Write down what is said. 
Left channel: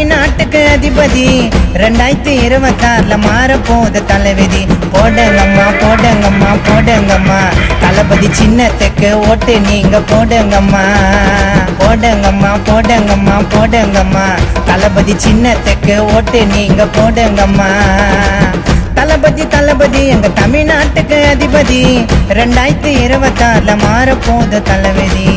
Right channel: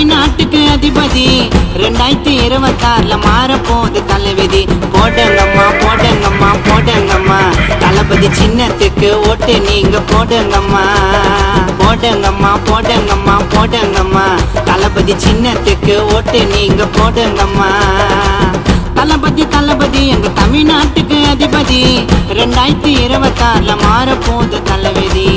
தமிழ்நாட்டுக்கு அதிபதி 2026ல மாறப்போது தலைவிதி. போடுங்கம்மா போடுங்கம்மா போடுங்கம்மா தளபதி சின்னத்துக்கு ஓட்டு நீங்க போடுங்கம்மா. போடுங்கம்மா போடுங்கம்மா போடுங்கம்மா தளபதி சின்னத்துக்கு ஓட்டு நீங்க போடுங்கம்மா. தளபதி தளபதி எங்க தமிழ்நாட்டுக்கு அதிபதி 2026ல மாறப்போது தலைவிதி.